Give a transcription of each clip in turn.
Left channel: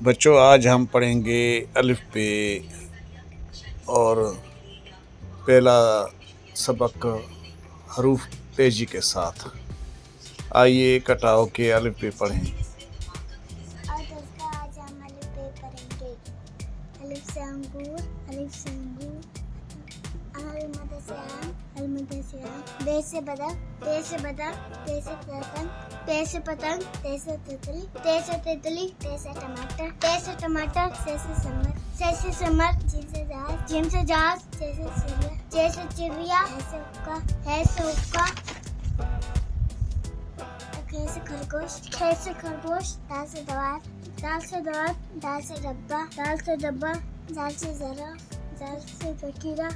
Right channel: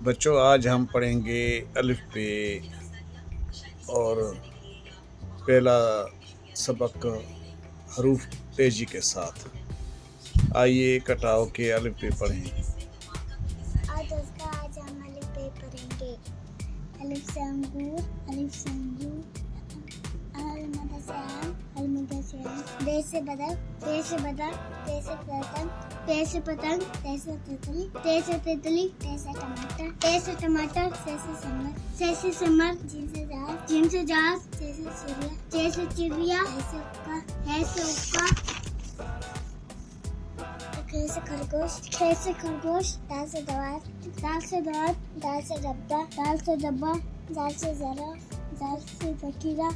बच्चों आज हम पढ़ेंगे अलिफ बे और पहला सबक हरूफ तेजी के साथ। आइए इकट्ठा के अलिफ बे पढ़ें। और दोस्तों आज हम अलिफ बे पढ़ेंगे। अलिफ से अंगूर, अलिफ से अंगूर, अलमदा से आम, अलमदा से आम, बे से बदक, बे से बदक, ते से पतंग, ते से पतंग, ते से तितली, ते से तितली, ते से टमाटर, ते से टमाटर, से से समर, जिम से जहाज, जे से चिड़िया, जे से चिड़िया, है से उक्का, खे से खरगोश, खे से खरगोश, दाल से दवार, दाल से दवार, दाल से डब्बा, दाल से डब्बा, दाल से जरा, दाल से जखीरा,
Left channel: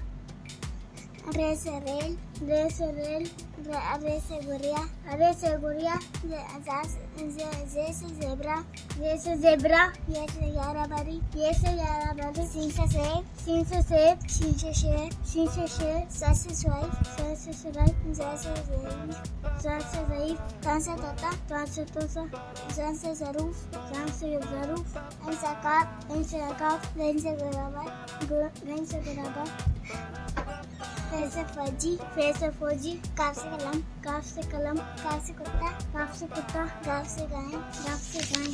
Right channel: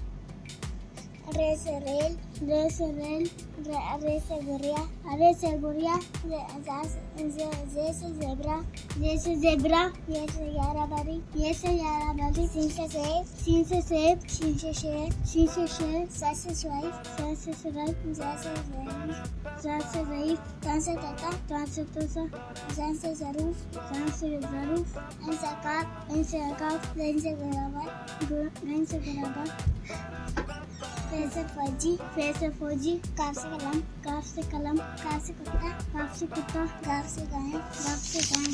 रे से रेल, रे से रेल, रे से गुड़िया, रे से गुड़िया, जे से जेबरा, जे से जेबरा, ये से यारा बारी, ये से यारा बारी, सीन से सेब, सीन से सेब, सीन से शेर, सीन से शेर, सा से स्वाइफ, सा से स्वाइफ, जा से ज़ईफ़, जा से ज़ईफ़, ता से ताता, ता से तोता, जान से ज़रूफ, जान से ज़रूफ, ऐन से अकाब, ऐन से अकाब, गैन से गराबा, गैन से गराबा, फे से फौजी, फे से फौजी, काफ से कलम, काफ से कलम, काफ से कुत्ता, काफ से कुत्ता, गाफ से गाय, गाफ से गाय,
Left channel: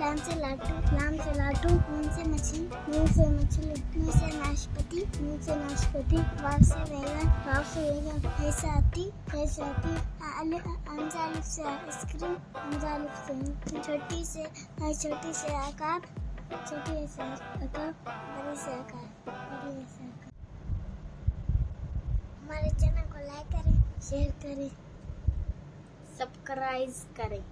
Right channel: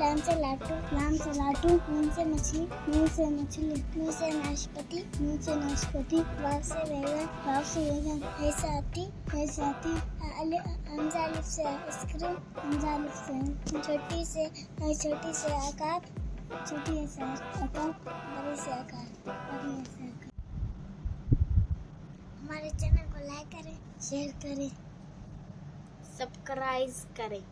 लाम से लाटू, लाम से लाटू, मीम से मछली, मीम से मछली, मीम से नाशपाती, मीम से नाशपाती, वाव से बैगन, वाव से बैगन, है से हाथी, है से हाथी, हमजा अलिफ से आइसक्रीम, हमजा अलिफ से छोटी से अकाब, छोटी से अकाब, बड़ी से अकाब, बड़ी से अकाब। हमारे चैनल को लाइक करें, शेयर करें, सब्सक्राइब करें।